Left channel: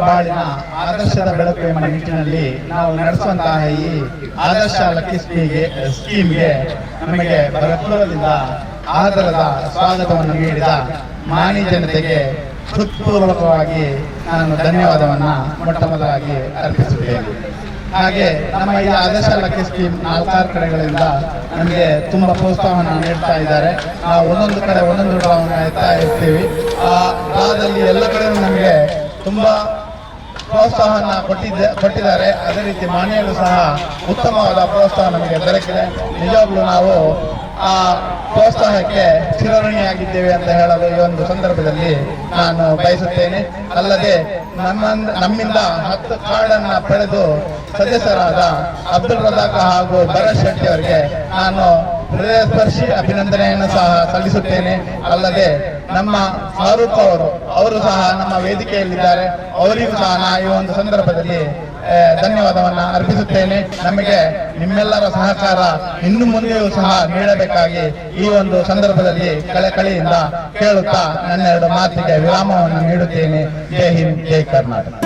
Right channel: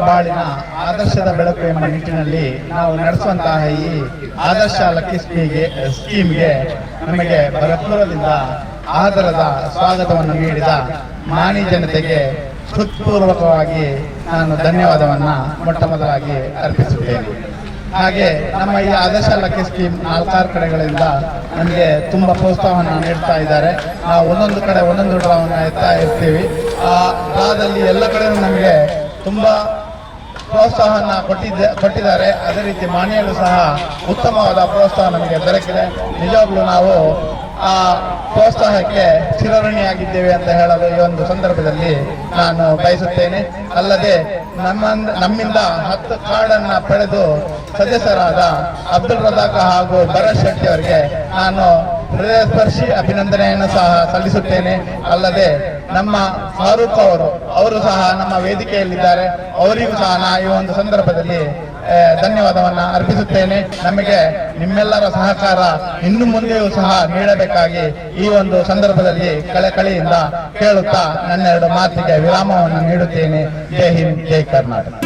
ಬಾಳಿನ ಆದರ್ಶದ ಬೆಳಕು ಎಂಬ ನಿಟ್ಟಿನಲ್ಲಿ ನಾವು ನಡೆಸುವಂತಹ ಈ ಆದರ್ಶ ಲಕ್ಕಿ ಸ್ಕೀಮ್ಗೆ ಸ್ಕೀಮ್ಗೆ ನಮಗೆ ಭರಪೂರದಿಂದ ಆದರದ ಸ್ವಾಗತವನ್ನು ನೀಡಿದ ಮಾನಿ ಜನತೆಗೆ ಹೃತ್ಪೂರ್ವಕವಾಗಿ ನಾನು ಧನ್ಯವಾದವನ್ನು ಮೊಟ್ಟ ಮೊದಲಾಗಿ ಅರ್ಪಿಸುತ್ತೇನೆ. ಹಾಗೆ ನಮ್ಮ ಈ ಆದರ್ಶ ಲಕ್ಕಿ ಸ್ಕೀಮ್ ನಾಲ್ಕಾರು ಕಡೆಗಳಿಂದ ನಮಗೆ ತುಂಬ ಪ್ರೋತ್ಸಾಹವನ್ನು ನೀಡ್ತಾ ಇದ್ದಾರೆ. ನಾವು ಒಂದೊಂದು ಕಡೆ ಒಂದೊಂದು ಎತ್ತಾ ಇರ್ತೀವಿ. ಆ ಡ್ರಾದಲ್ಲಿ ಎಲ್ಲ ಕಡೆ ನಮಗೆ ತುಂಬಾ ಪ್ರೋತ್ಸಾಹನ ಕೊಟ್ಟಿದ್ದ, ಕೊಟ್ಟಿದ್ದಾರೆ. ಅದೇ ರೀತಿ ಮಾನ್ಯರು ಸಹ ಉತ್ತಮವಾದ ಪ್ರೋತ್ಸಾಹ ನಮಗೆ ದೊರಕಿದೆ. ನಿಜವಾಗ್ಲೂ ನಾವು ಆ ಪ್ರೋತ್ಸಾಹಕ್ಕೆ ಚಿರಋಣಿಯಾಗಿದ್ದೇವೆ ಅಂತ ಹೇಳಲು ಈ ಒಂದು ಸಂದರ್ಭದಲ್ಲಿ ನಾನು ಬಯಸುತ್ತೇನೆ. ಅಲ್ಲದೆ ನಮ್ಮ ನಮ್ಮಿಂದ ಹತ್ತು ಕಾರ್ಡನ್ನ ಪಡೆದು ಸದಸ್ಯರಾದ ಅಬ್ದುಲ್ ರಜಾಕ್ ಹಾಗೂ ಭರತ್ ಶೆಟ್ಟಿ ಅವರಿಗೆ ನಾನು ಹೃದಯ ಸ್ಪರ್ಶಿ ಅಭಿನಂದನೆಯನ್ನು ಸಹ ಸಲ್ಲಿಸುತ್ತೇನೆ. ಅಲ್ಲದೆ ನಮ್ಮ ಫಾರೂಕ್ ಅವರು ಅವರು ಸಹ ನಮ್ಮ ವೇದಿಕೆಯಲ್ಲಿದ್ದಾರೆ. ಅವರಿಗೂ ಸಹ ನಾ ಈ ಒಂದು ಸಂದರ್ಭದಲ್ಲಿ ಧನ್ಯವಾದವನ್ನ ಅರ್ಪಿಸುತ್ತೇನೆ. ನಮಗೆ ನಿಮ್ಮೆಲ್ಲರ ಸಹಕಾರ ಇನ್ನು ಮುಂದೆಯೂ ಸಹ ನೀಡಬೇಕಾಗಿ ಈ ಒಂದು ಸಂದರ್ಭದಲ್ಲಿ ಕಳಕಳಿಯಿಂದ ಕೇಳುತ್ತಾ ನನ್ನೆರಡು ಮಾತಿಗೆ ವಿರಾಮವನ್ನು ನೀಡುತ್ತೇನೆ. ಜೈ ಹಿಂದ್, ಜೈ ಕರ್ನಾಟಕ.